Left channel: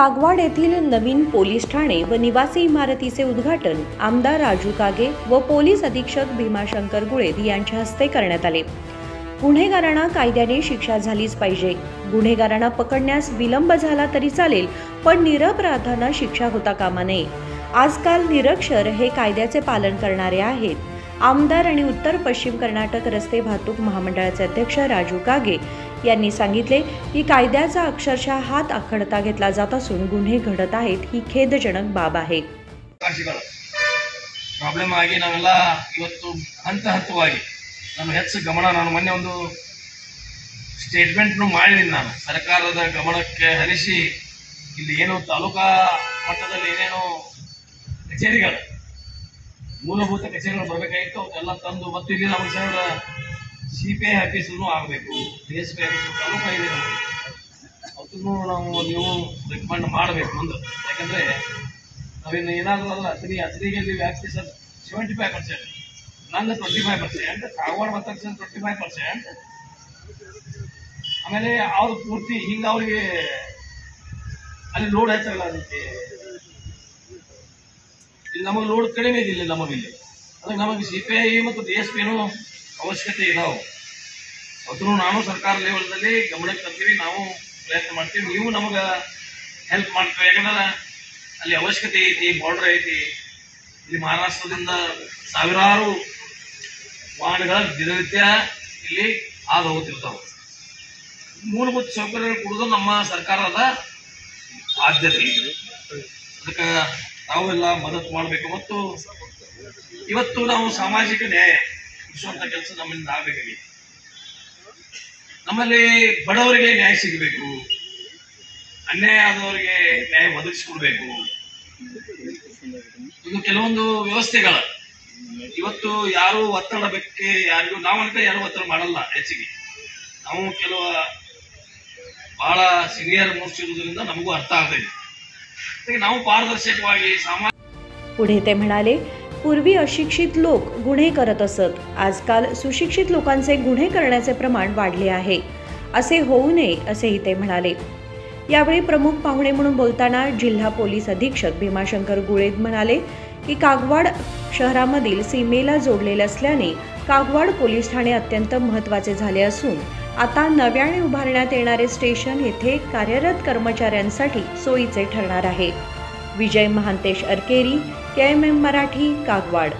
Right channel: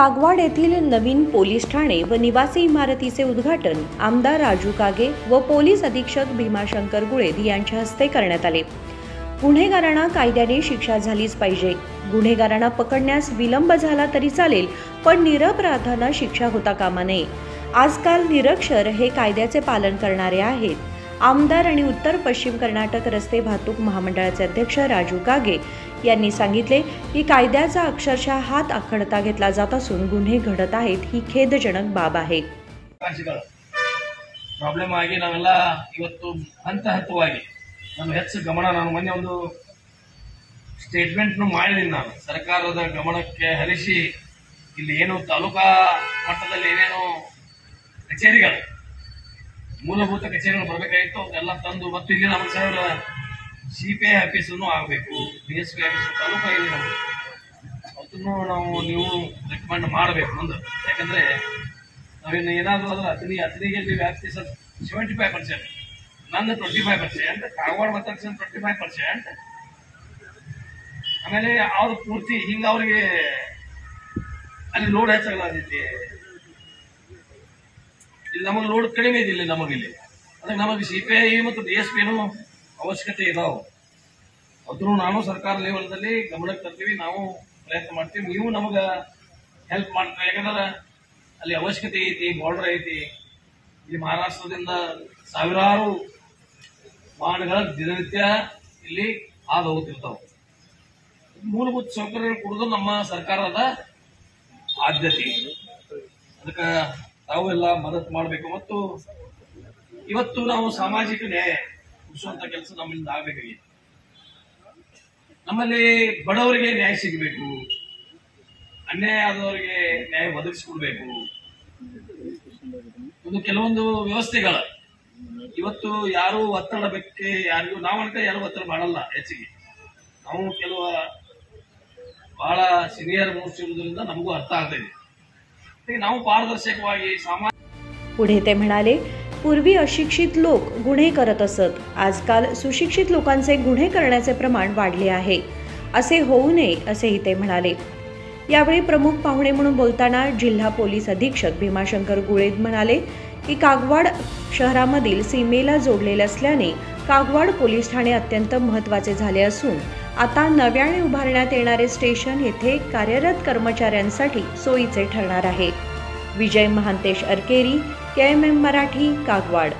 कागवाड येथील नवीन पोलीस ठाणे व निवासी इमारतीचे उद्घाटन आमदार राजू कागे व पोलीस अधीक्षक भीमाशंकर गुळेद यांच्या हस्ते करण्यात आले। गुन्हेगारांना कायद्याने शिक्षा झालीच पाहिजे। गुन्हेगारांना पकडण्यास विलंब झाला तरी चालेल, पण निरपराधांना शिक्षा होता कामा नये। आजकाल निरक्षर हे कायद्याचे पालन करणारे आहेत। आमदार आणि उत्तर पश्चिम कर्नाटक रस्ते वाहतूक महामंडळाचे अध्यक्ष राजू कागे यांनी सांगितले की कायद्याचा अक्षरशः हात आखडता घेतला जात असून गुन्हे घडत आहेत, ही खेदजनक बाब आहे। ಪ್ರಾಬ್ಲಮ್ ಆಗಿ ನಾವೆಲ್ಲ ಇವತ್ತು ಹಂತ ಹಂತವಾಗಿ ನಾನು ಹೆಚ್ಚು ಗಮನ ನಾನು ಮೊನ್ನೆ ಒಂದು ಸ್ಟೇಟ್ಮೆಂಟ್ ಮಾಡಿದ್ದೀನಿ। ನಾನು ಸರ್ಕಾರದ ಗಮನಕ್ಕೆ ಹರಿಸಿ ಇಲ್ಲಿ ಏನು ತಾಲೂಕಾ ಮಟ್ಟದಲ್ಲಿ ಏನೇನು ಕಚೇರಿಗಳು ಮೂಲಭೂತ ಕಚೇರಿಗಳು ಬರಬೇಕಾಗಿತ್ತು ಅದೆಲ್ಲ ತಂದು ಮತ್ತು ಇಲ್ಲಿ ನಮ್ಮ ಸರ್ ಸಿಪಿಐ ಆಫೀಸನ್ನು ಆಗಬೇಕು, ಡಿಎಸ್ಪಿ ಆಫೀಸ್ ತಾಲೂಕಾ ಇದೆ ನಮಗೆ, ಅದನ್ನು ನಾವು ನೀವು ರೆಕಮೆಂಡ್ ಮಾಡಬೇಕು ಮುಂದೆ। ಯಾಕಂದ್ರೆ ನಾವಿನ್ನು ಏನಾದರೂ ಅದ್ರ ಅತನಿಗೆ ನೀವು ವ್ಯಾಪ್ತಿ ಸರ್ 75%, ನಂದು 25%, ಕಾಗವಾಡ ಮತ್ತು 25%, ಆಮೇಲೆ ಅವ್ರು ಪೂರ್ತಿ ಹಿಂಗೆ ಅವ್ರಿಗೆ ಅಲ್ಲಿ ಲೋಡ್ ಹೆಚ್ಚಾಗಲಾಗೈತಿ, ಇಲ್ಲಿ ನಮಗೆ ಲೋಡ್ ಕಡಿಮೆ ಇದಿಲ್ಲ ನಮಗಿಲ್ಲಿ, ಅದಕ್ಕೆ ನಮಗೆ ಸಿಪಿಐ ಮತ್ತು ಡಿಎಸ್ಪಿನೂ ಅವಶ್ಯಕತೆ ಇದಾವೆ। ಅದನ್ನು ನಾನು ಸರ್ಕಾರ ಲೆವೆಲ್ದಲ್ಲಿ ಗಮನಕ್ಕೆ ತರ್ತೀವಿ, ನಾವು ಪ್ರಯತ್ನ ಮಾಡ್ತೀವಿ, ನೀವು ನಮಗೆ ಹೆಲ್ಪ್ ಮಾಡ್ತೀವಿ। ಯಾಕಂದ್ರೆ ಅಲ್ಲಿ ಅವಶ್ಯಕತೆ ಐತಿ, ಬಾರ್ಡರ್ ಐತಿ, ಇಲ್ಲಿ ಮಹಾರಾಷ್ಟ್ರದಿಂದ ಸಾವಿರಾರು ವಾಹನಗಳ ದಿನನಿತ್ಯ ಇಲ್ಲಿ ಹಾದು ಹೋಗುತ್ತಿರ್ತಾವೆ। ಮೂಲಭೂತ ಸೌಕರ್ಯ ಕೊಡೋದು ನಮ್ಮ ಸರ್ಕಾರದ ಆದ್ಯತೆ, ಅದಕ್ಕೆ ತಾವೆಲ್ಲ ಮದತ್ ಮಾಡಬೇಕು। ಮತ್ತು ಇವತ್ತು ನಾವು ಸಾಮಾಜಿಕ ನ್ಯಾಯ ಕೊಡಿಸುವಂತ ಕೆಲಸ ನಮ್ಮಿಂದ ಆಗಬೇಕಾಗಿದೆ। ನಮ್ಮಲ್ಲಿ ಬಡವರಿಗೆ ನ್ಯಾಯ ಸಿಗಬೇಕು, ಅನ್ಯಾಯ ಆದವರಿಗೆ ನ್ಯಾಯ ಒದಗಿಸಿಕೊಡ್ಬೇಕು। ಇದು ಕೆಲವೊಂದು ವ್ಯವಸ್ಥೆಗಳ ಇವತ್ತು ಯಾರು ಒತ್ತಡ ಬೇಕೆ ಯಾರಿಗೂ ನಾವು ಅಂತ ಯಾರು ಒತ್ತಡ ಮಾಡಲ್ಲ ಹೆಚ್ಚಿಗೆ, ನಾವು ಕೆಲವು ಬಹಳ ಸಿನಿयर मोस्ट ಇರುವುದರಿಂದ ನಮಗೂ ಅರ್ಥ ಆಗ್ತದೆ, ನಾವು ಪಾರದರ್ಶಕವಾಗಿ पुढे ते म्हणाले, पूर्वी अशिक्षित लोक गुन्हे करत असत, आजकाल सुशिक्षित लोकांचे गुन्हे करण्याचे प्रमाण वाढले आहे, असे होऊ नये असेही ते म्हणाले। यावेळी प्रमुख पाहुणे म्हणून बोलताना जिल्हा पोलीस अधीक्षक भीमाशंकर गुळेद म्हणाले की कागवाड शहरामधील सीमेला जोडलेले असल्याने कागवाड पोलीस ठाणे अत्यंत महत्त्वाचे झाले असून आता नव्याने उभारण्यात येणारे स्टेशन येथे कार्यरत कर्मचाऱ्यांसाठी सोयीचे ठरणार आहे। विजय महांतेश अरकेरी, KMM मराठी, कागवाड।